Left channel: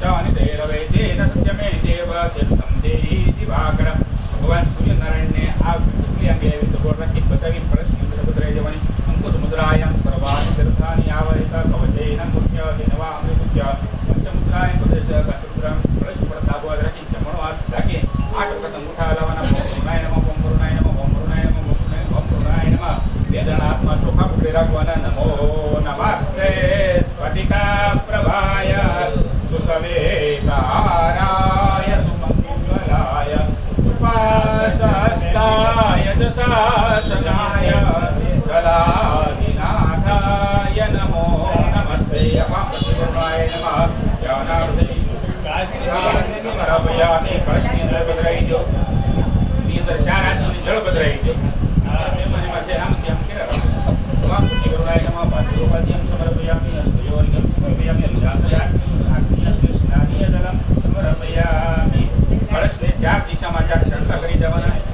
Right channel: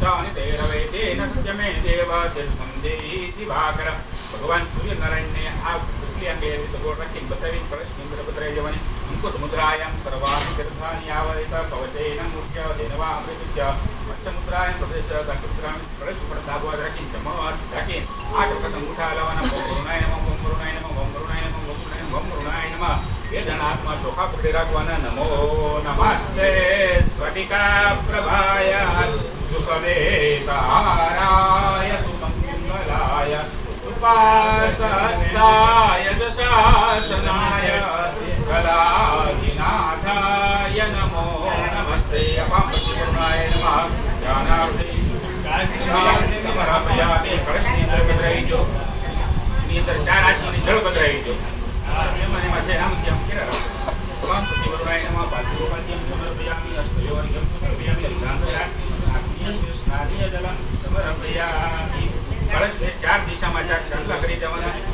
भूतानि तेरवेदेन सत्यमे देव संदेहि दिवाकर भगवान सूर्यनारायण ने आ पुतली अंगे गोड़ रखी बतावी कलश इंद्र बद्रे जवनि अंकुश मुद्रायां सर्वाणि तीर्थानि आवरित कवचेन मुख्य देनवा अमृतस्य पंचमुद्रायां प्रदेश दशमुद्रां कलश पर दाबवा रखी जमणो हाथ ढाकी आठ वखत अंगूठा लाववाना ओम वरुणाय नमः ओम वरुणाय नमः ओम वरुणाय नमः ओम वरुणाय नमः वेदनात्मा चोखा पकड़ी राखवाना नमो नमस्ते स्फटिका प्रभाय सुसवेताराय सुमंगलाय उपासस्ताय दशासनाय कलाधिनाथाय नमो नमस्ते अपांपतिवरुणाय नमः ज्ञानावधि समरापयामि कलशनी जल बदराईजो ની અંદર ચાર આંચની જળ બદરાઈજો એમાં છે આમ તેમ કર્યા અપાંપતિવરુણાય નમઃ પાત્રોપાદ્યમ સમર્પયામિ અસ્ત્રયોર્ઘ્યમ સમર્પયામિ અગ્નિયાસ્મિ સ્નાનીય જલમ સમર્પયામિ કળશને ચાર દિશામાં ચાર ચંદ્ર કરી દેવાના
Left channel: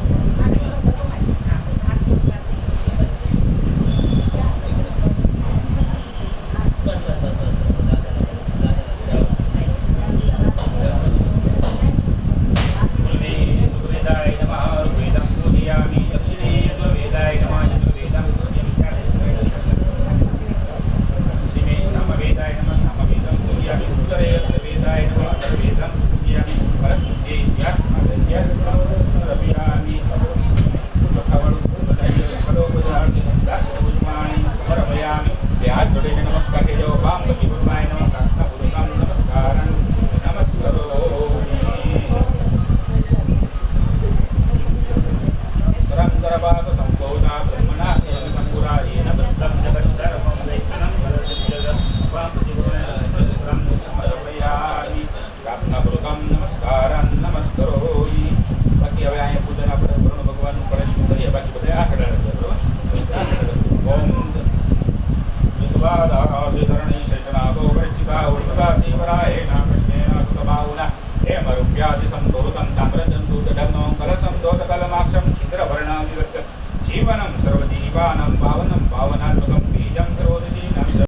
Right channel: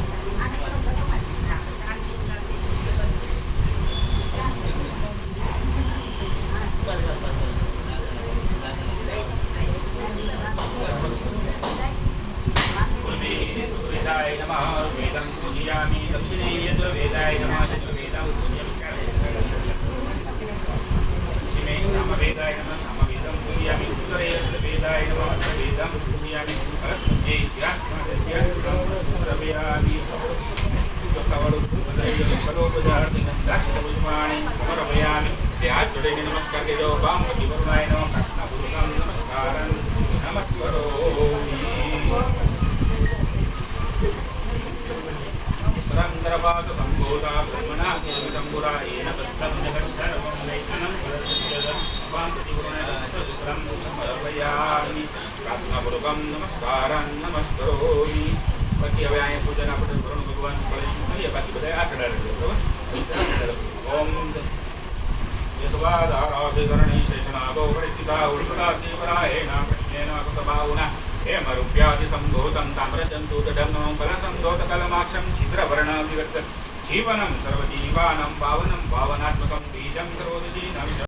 जीवनं सर्वजीवानं पावनं पावनात्मकं बीजं सर्वोदय